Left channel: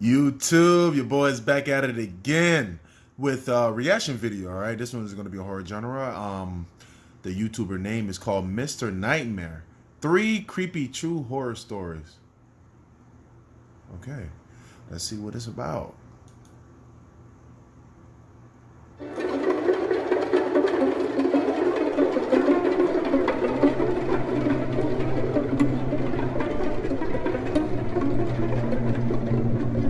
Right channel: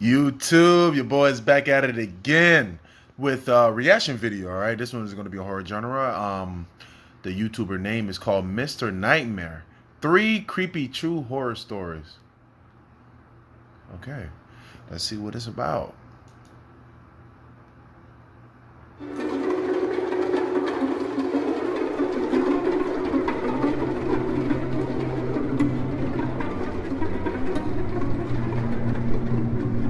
YouTube, your boy's back at it again with a reaction video. All right, this one is going to be a horror genre. The YouTuber name is called Mr.Nightmare. 3 creepy true horror stories. Okay, let's see what it's about.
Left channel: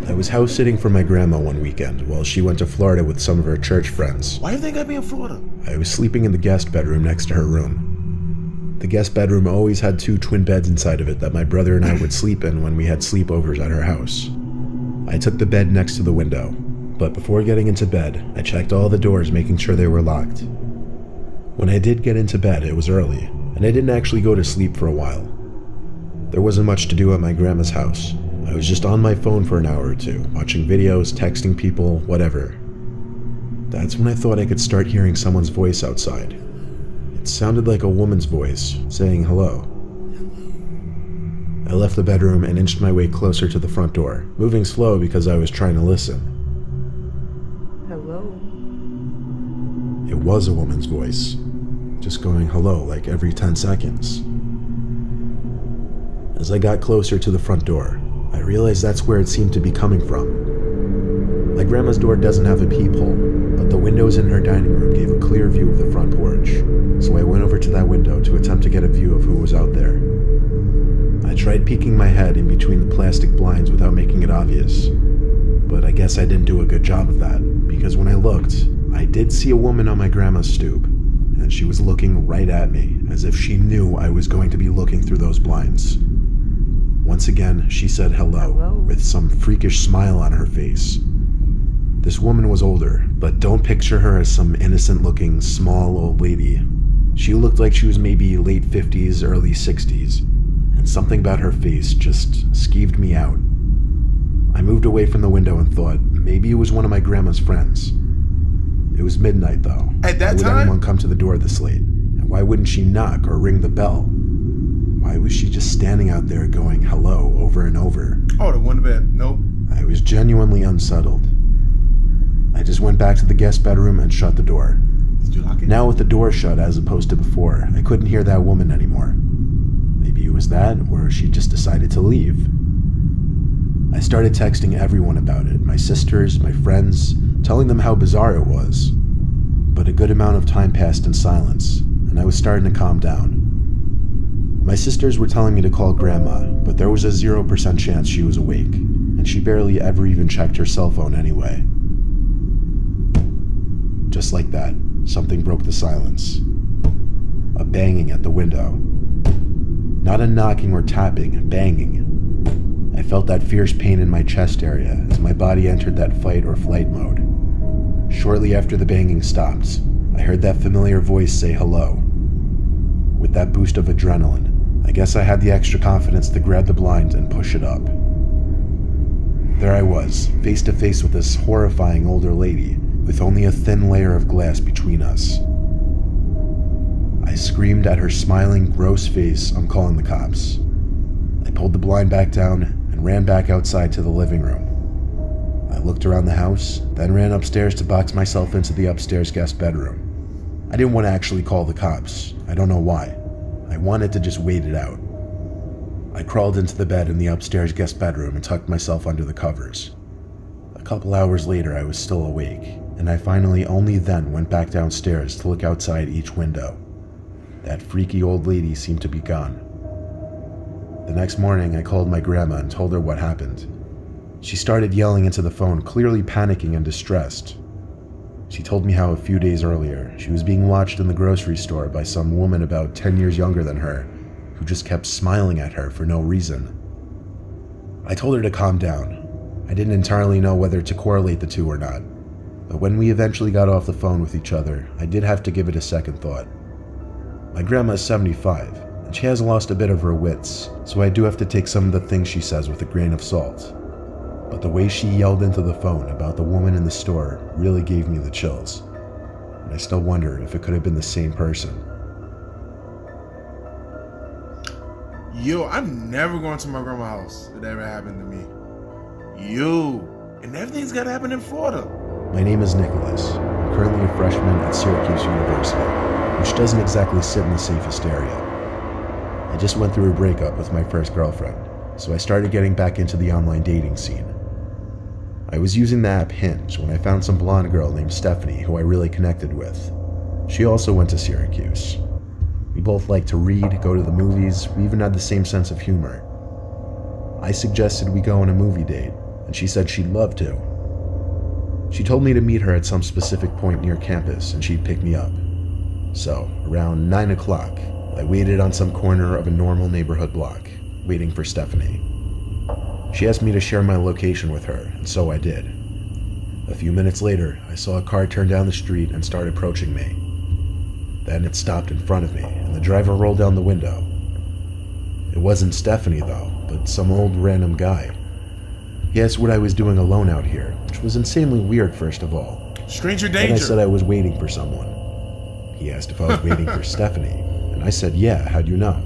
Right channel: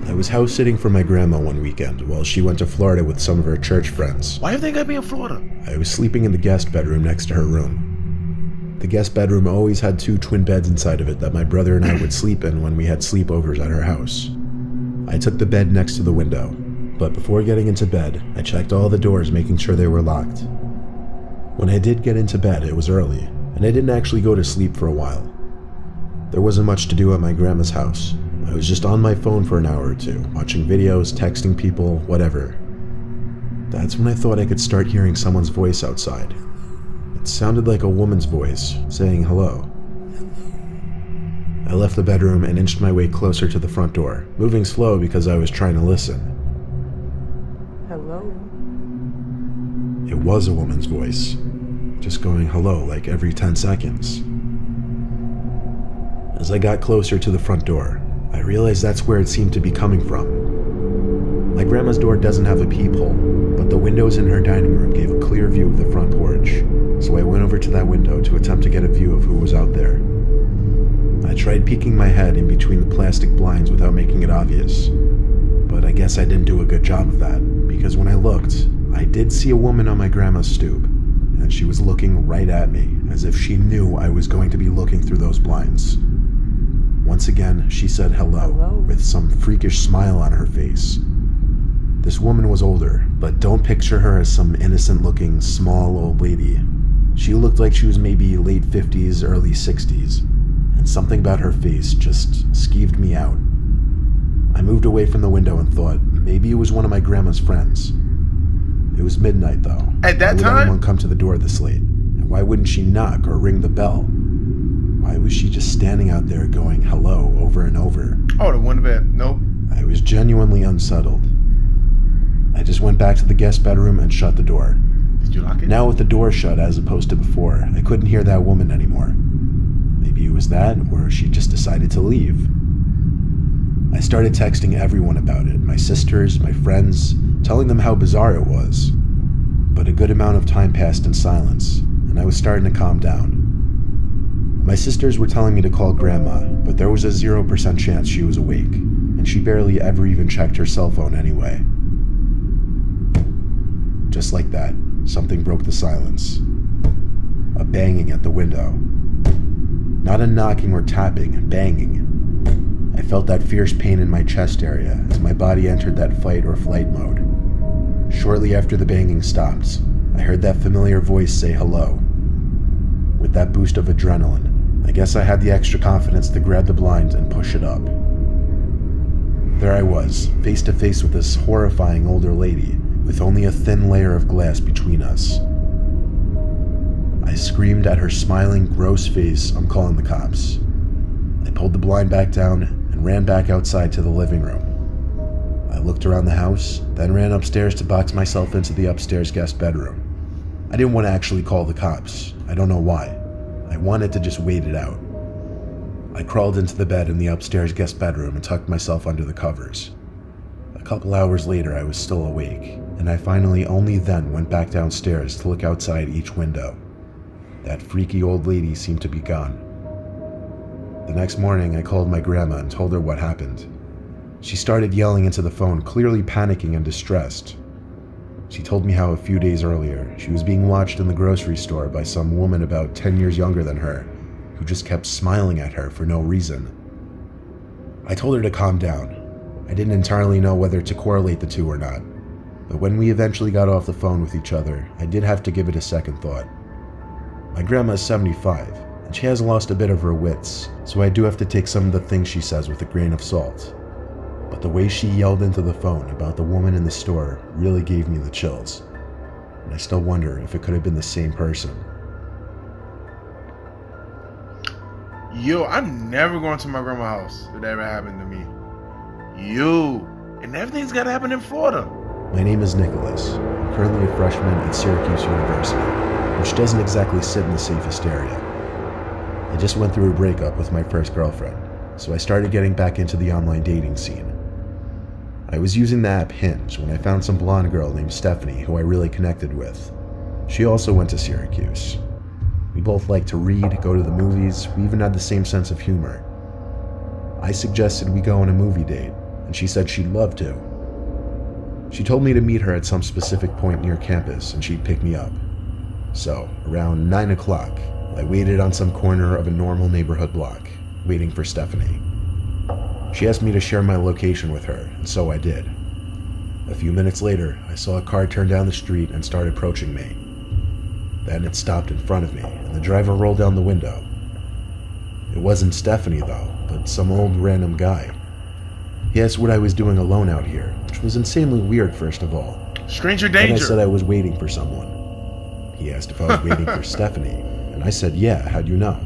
I was house sitting for my grandma one weekend while she went to Florida with some of her church friends. Why do you think I'd be in Florida? I was sleeping in the guest bedroom next to her room. The guest bedroom always had 2 twin beds inside of it that my brother and I would sleep in when we had sleepovers at her house. I took the bed next to the window, but before getting into bed, I checked all the doors making sure they were locked. When I did get into bed, it was early, and I didn't actually go to sleep for a while. There wasn't much to do at my grandma's house. I was just on my phone for an hour or two, watching videos, texting people, whatever. That's when I thought I could start hearing someone's voice outside. It sounded like a woman's voice, saying hello. I left the bedroom and inched my way closer to the front door, moving slow because I was trying to listen. Hello? It was a woman's voice, just going hello like every 10 seconds. As I got closer to the front door, I realized that's where it seemed to be coming from. My grandma's door doesn't have a peephole, but the windows in her dining room gave a clear view of the front porch, so I went over to that window to attempt to get a view of who was out there. I tried peeking my head in between the plastic blinds without making it obvious, but I guess I didn't do a good job of that, because when I looked, I did see a woman on my grandma's stoop, and she was looking right at me, as if she knew I was going to be looking through those blinds. Once again, she said hello, with some freakish smile on her face. This woman was older, but don't picture her as some innocent-looking, small old lady. She looked like she was maybe late 50s, early 60s, and something about her face just skeeved me out. I moved away from the window and thought maybe it was one of my grandma's friends. It was midnight, though. At that why would time? anyone come to the door this late? And why wouldn't she knock or ring the bell? Why was she just standing out there going hello over and over? Oh, the one bed. Nope. I was genuinely unsettled. I just went back to the guest bedroom and shut the door. Did you lock it? Now with the door shut as opposed to before, I couldn't hear that woman anymore. Maybe it was that, or she just decided to leave. I started texting everyone about it, my sisters, my friends, telling them how bizarre it was. But a good amount of time passed in silence, and I was starting to calm down. My sisters were telling me to call Grandma, but there was a 0% chance she was awake, and she barely ever even checked her cell phone anyway. Just like that, something broke the silence. A banging at the window. Not a knocking or tapping, banging. I felt that fierce pain in my chest area as my body entered that fight or flight mode. Shortly after the banging stopped, I heard that familiar voice say hello. With that boost of adrenaline, I guess I had the extra confidence to grab the blind and push it up. There I was, face to face with this horrifying older lady, with only a thin layer of glass between us. I screamed at her smiling, gross face, "I'm calling the cops." I pulled the blind back down and ran back outside to the living room. I looked around the house, then ran upstairs to box myself into the upstairs guest bedroom. I didn't want to actually call the cops. I don't know why. I wanted to just wait it out. I crawled into the bed in the upstairs guest bedroom and tucked myself under the covers. A couple hours later, I was still awake, and I finally only then went back downstairs to look outside each window. That freaky old lady seemed to be gone. The next morning, I called my grandma and told her what happened. She started yelling into the phone, clearly panicking and distressed. She told me how a few days earlier, she was being watched in the grocery store by some woman about 10 years younger than her, who just kept smiling at her for no reason. I told her to calm down. I didn't entirely know whether to correlate the two or not, but when we eventually got off the phone with each other, I did have to give it a second thought. My grandma is 75, and she has lost a bit of her wits, so I do have to take some of the things she says with a grain of salt. But the way she yelled into the phone about the woman in the store really gave me the chills, and I still wonder if it could have been the same person. Yo, I'm never going to my grandma's house if that ever happened to me. You. And everything's gotta happen in Florida. My name is Nicholas. I'm currently a freshman at Syracuse University, which doesn't exactly sit in the safest area. I just went through a breakup with my first girlfriend, so I started getting back into the online dating scene. I was using the app Hinge when I found some blonde girl named Stephanie who I really connected with. She also went to Syracuse. We both liked to read, go to the movies, we even had the same sense of humor. I suggested we go on a movie date, and she said she'd love to. She told me to meet her at some specific point near campus and she'd pick me up. So, around 9 o'clock, I waited on some corner of a normal neighborhood block, waiting for Stephanie. She asked me to share my location with her, and so I did. A few minutes later, I saw a car turn down the street and start approaching me. Then it stopped in front of me, and the driver rolled down the window. It wasn't Stephanie, though, but some old random guy. He asked what I was doing alone out here, which was insanely weird, first of all. Stranger danger. Then I said I was waiting for someone. He asked if I was waiting for Stephanie, and I said, yeah, how'd you know?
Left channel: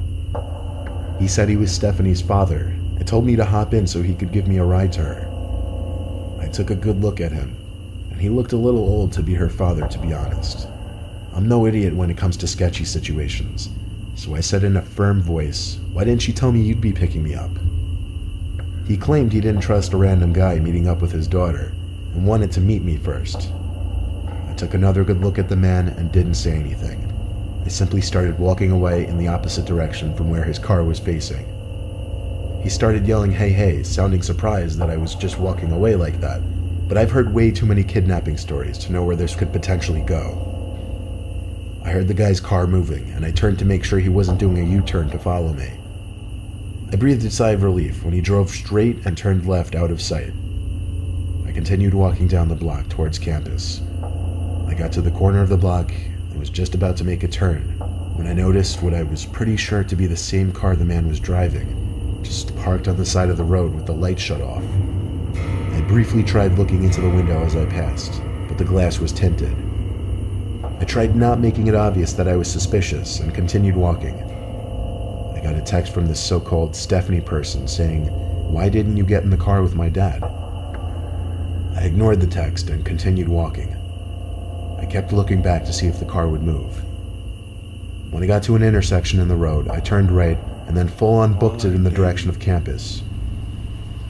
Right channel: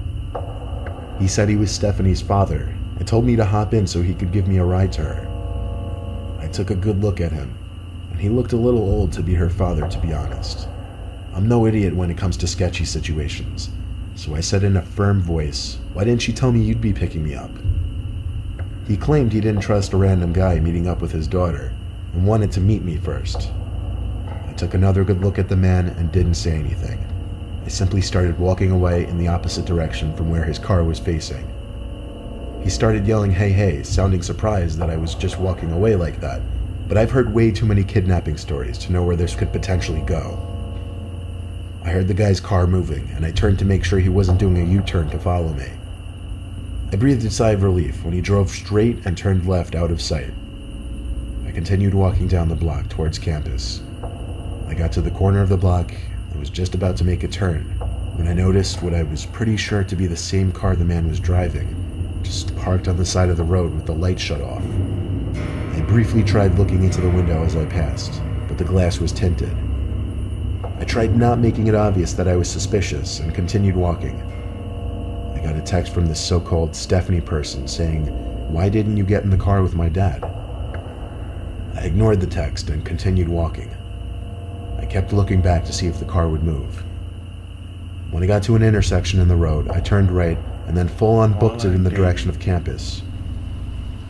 He said he was Stephanie's father, and told me to hop in so he could give me a ride to her. I took a good look at him, and he looked a little old to be her father, to be honest. I'm no idiot when it comes to sketchy situations, so I said in a firm voice, why didn't you tell me you'd be picking me up? He claimed he didn't trust a random guy meeting up with his daughter, and wanted to meet me first. I took another good look at the man and didn't say anything. I simply started walking away in the opposite direction from where his car was facing. He started yelling, hey, hey, sounding surprised that I was just walking away like that, but I've heard way too many kidnapping stories to know where this could potentially go. I heard the guy's car moving, and I turned to make sure he wasn't doing a U-turn to follow me. I breathed a sigh of relief when he drove straight and turned left out of sight. I continued walking down the block towards campus. I got to the corner of the block and was just about to make a turn when I noticed what I was pretty sure to be the same car the man was driving, just parked on the side of the road with the light shut off. I briefly tried looking into the window as I passed, but the glass was tinted. I tried not making it obvious that I was suspicious and continued walking. I got a text from this so-called Stephanie person saying, why didn't you get in the car with my dad? I ignored the text and continued walking. I kept looking back to see if the car would move. When I got to an intersection in the road, I turned right and then full-on booked it in the direction of campus.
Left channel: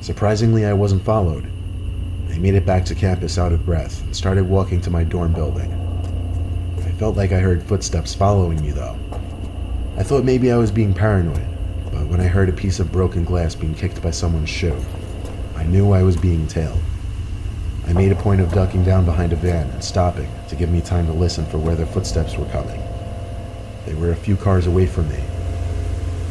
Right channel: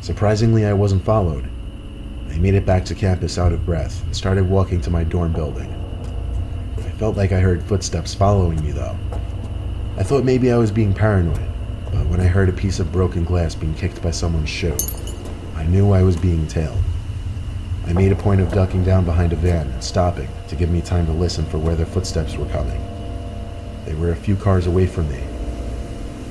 Surprisingly, I wasn't followed. I made it back to campus out of breath and started walking to my dorm building. I felt like I heard footsteps following me, though. I thought maybe I was being paranoid, but when I heard a piece of broken glass being kicked by someone's shoe, I knew I was being tailed. I made a point of ducking down behind a van and stopping to give me time to listen for where their footsteps were coming. They were a few cars away from me.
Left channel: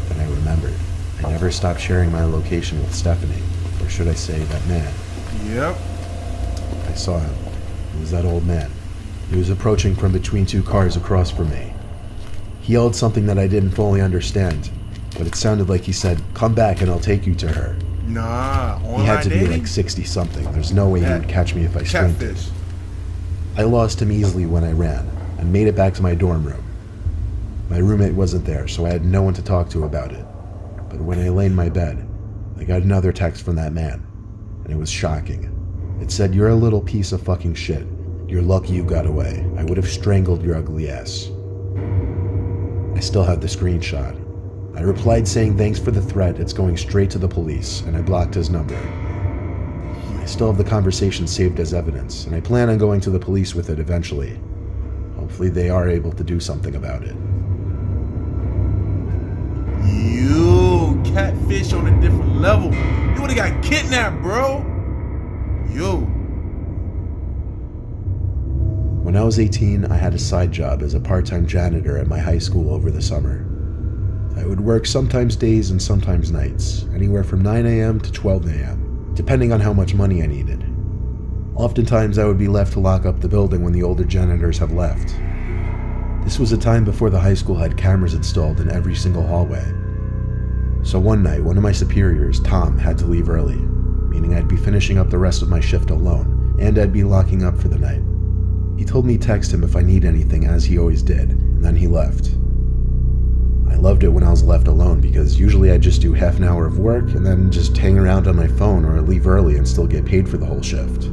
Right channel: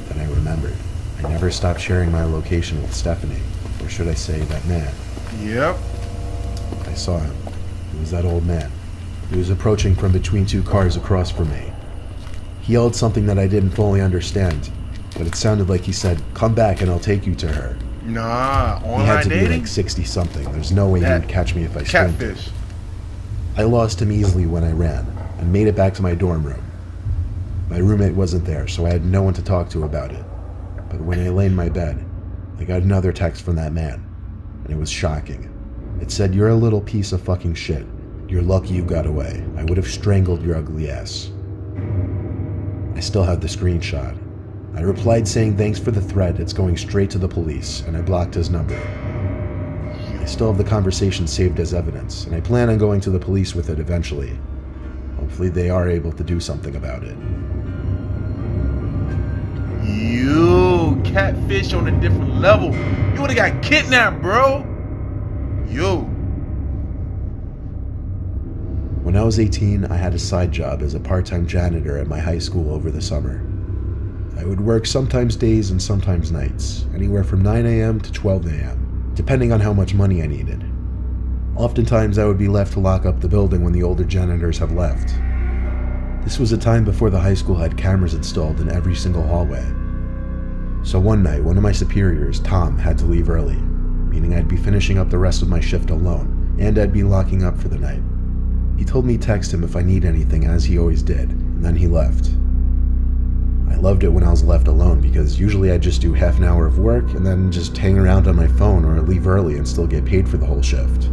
Then I remembered. I never stopped sharing my location with Stephanie, or should I say that man. Yep. I saw him. It was that old man. He was approaching from between two cars across from me. He yelled something that I didn't fully understand, but it sounded like he said, come back and I'll take you to her. Nah, he had to be dating? like 60-something. There's no way he would catch me if I sprinted. Catfish. I lost him easily when I ran, and made it back to my dorm room. My roommate wasn't there, so I had no one to talk to about it. But when I lay in my bed, I got another text from that man, and it was shocking. It said, you're a little piece of fucking shit. You're lucky you got away. I would have strangled your ugly ass. I still have the screenshot. I replied saying thanks for the threat, it's going straight to the police, and I blocked his number. I still have the conversation saved as evidence, and I plan on going to the police with it eventually. Hopefully they are able to do something about it. You catfish on a different level. You would've got kidnapped, bro. You. When I was 18, I had a side job as a part-time janitor at my high school over the summer. I would work sometimes days and sometimes nights, anywhere from 9 a.m. to 12 a.m., depending on how much money I needed. Oftentimes, I would be left to lock up the building when the older janitors have left. This was a time before the high school had cameras installed in every single hallway. So one night, one of my superiors, Tom, had to leave early, meaning I'd be finishing up the rest of my shift alone, and I'd be locking up for the night. He told me to text him if I need anything, as he always did, and then he left. I loved it when I was left alone because usually I just do half an hour of work and then just hang around on my phone or leave early and still get paid for the whole shift.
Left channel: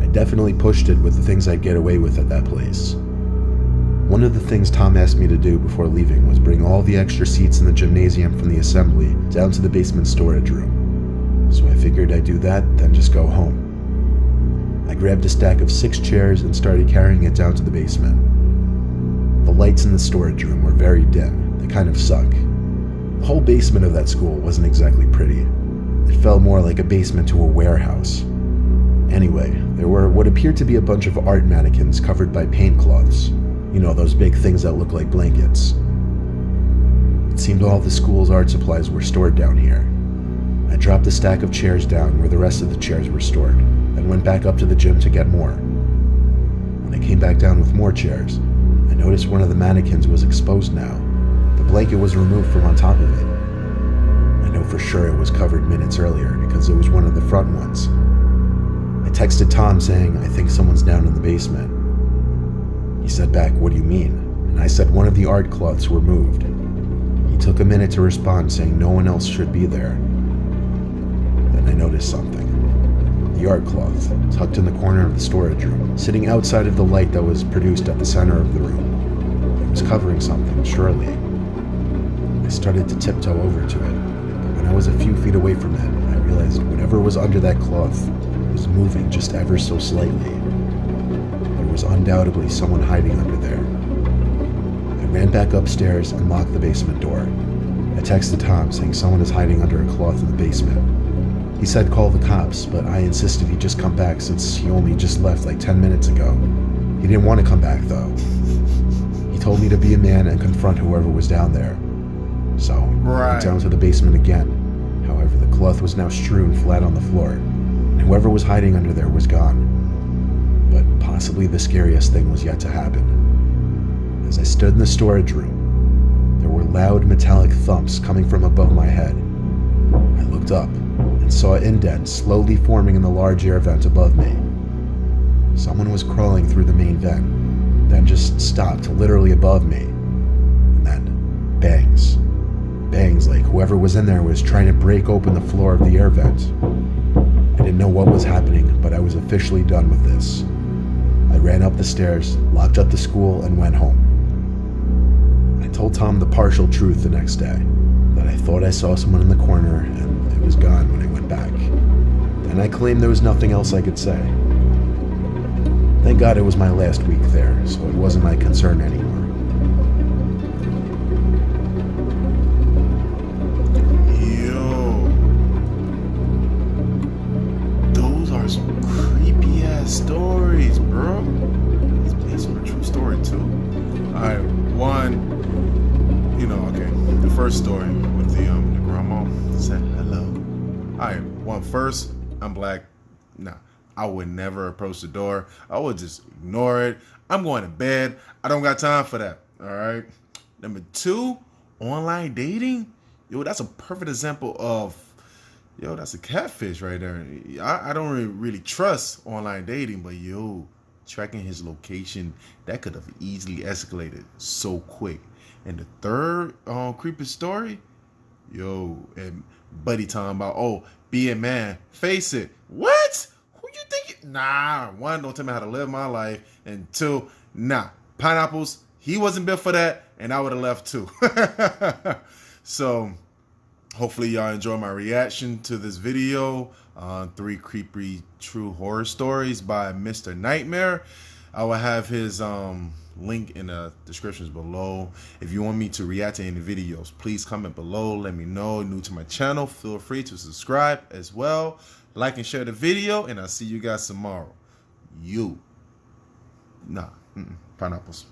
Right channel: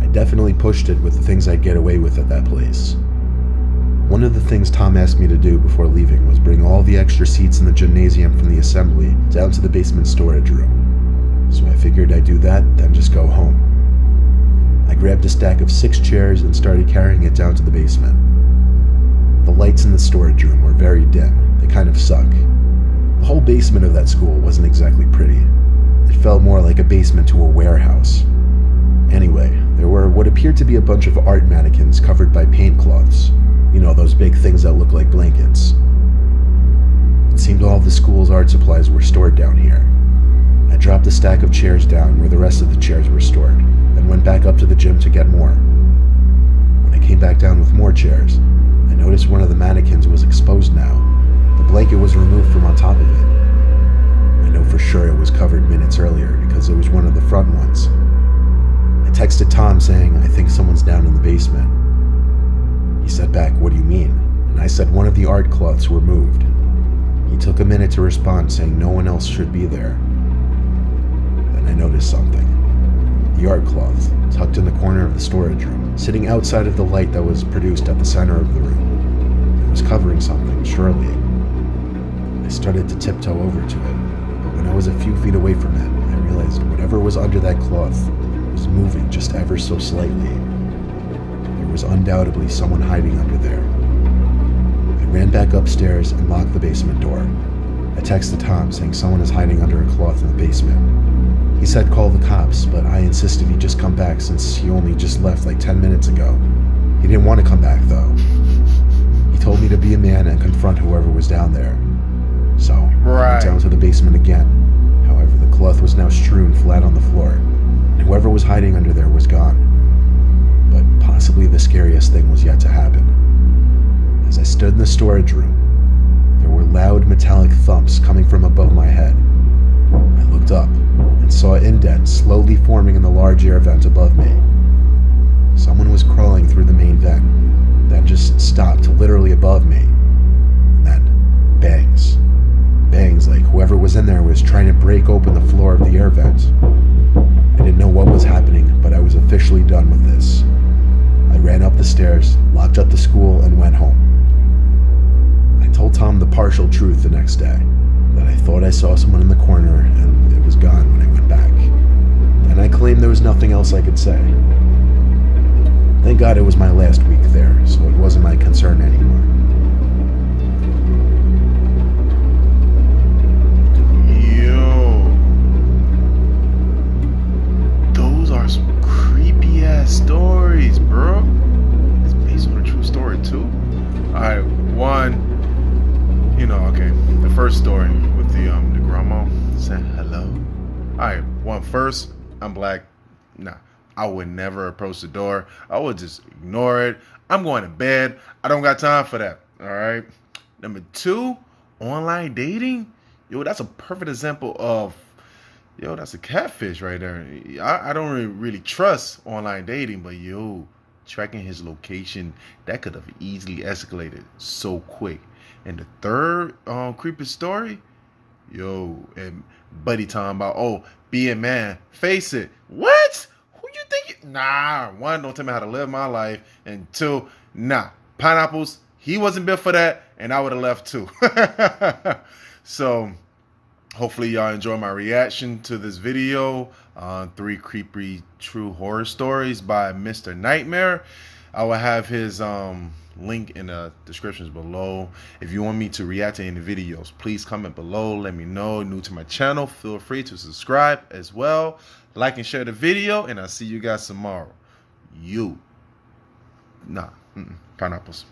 I definitely pushed it with the things I'd get away with at that place. One of the things Tom asked me to do before leaving was bring all the extra seats in the gymnasium from the assembly down to the basement storage room. So I figured I'd do that, then just go home. I grabbed a stack of 6 chairs and started carrying it down to the basement. The lights in the storage room were very dim. They kind of suck. The whole basement of that school wasn't exactly pretty. It felt more like a basement to a warehouse. Anyway, there were what appeared to be a bunch of art mannequins covered by paint cloths. You know, those big things that look like blankets. It seemed all of the school's art supplies were stored down here. I dropped a stack of chairs down where the rest of the chairs were stored, and went back up to the gym to get more. When I came back down with more chairs, I noticed one of the mannequins was exposed now. The blanket was removed from on top of it. I know for sure it was covered minutes earlier because it was one of the front ones. I texted Tom saying, "I think someone's down in the basement." He said back, "What do you mean?" And I said one of the art cloths were moved. He took a minute to respond saying no one else should be there. Then I noticed something. The art cloth, tucked in the corner of the storage room, sitting outside of the light that was produced at the center of the room. It was covering something, surely. I started to tiptoe over to it, but when I was a few feet away from it, I realized whatever was under that cloth was moving just ever so slightly. There was undoubtedly someone hiding under there. I ran back upstairs and locked the basement door. I texted Tom saying someone is hiding under a cloth in the basement. He said call the cops, but I insisted he just come back since he only just left like 10 minutes ago. He didn't want to come back though. He told me to be a man and confront whoever was down there. So I went down to the basement again. However, the cloth was now strewn flat on the floor, and whoever was hiding under there was gone. But possibly the scariest thing was yet to happen. As I stood in the storage room, there were loud metallic thumps coming from above my head. I looked up and saw indents slowly forming in the large air vent above me. Someone was crawling through the main vent, then just stopped literally above me. And then bangs. Bangs like whoever was in there was trying to break open the floor of the air vent. I didn't know what was happening, but I was officially done with this. I ran up the stairs, locked up the school, and went home. I told Tom the partial truth the next day, that I thought I saw someone in the corner and it was gone when I went back. Then I claimed there was nothing else I could say. Thank God it was my last week there, so it wasn't my concern anymore. Yo. Those are some creepy ass stories, bro. It's based on a true story too. Alright, the first story with the grandma said hello. Alright, first, I'm black. Nah, I would never approach the door. I would just ignore it. I'm going to bed. I don't got time for that. Alright. Number 2, online dating. Yo, that's a perfect example of, that's a catfish right there. I don't really trust online dating, but tracking his location, that could have easily escalated so quick. And the third creepy story, and buddy talking about, be a man, face it. What? Who you think? Nah, 1, don't tell me how to live my life. And 2, nah, pineapples, he wasn't built for that, and I would have left too. So, hopefully y'all enjoy my reaction to this video. 3 creepy true horror stories by Mr.Nightmare. I will have his link in the descriptions below. If you want me to react to any videos, please comment below. Let me know. New to my channel, feel free to subscribe as well. Like and share the video, and I'll see you guys tomorrow. Pineapples.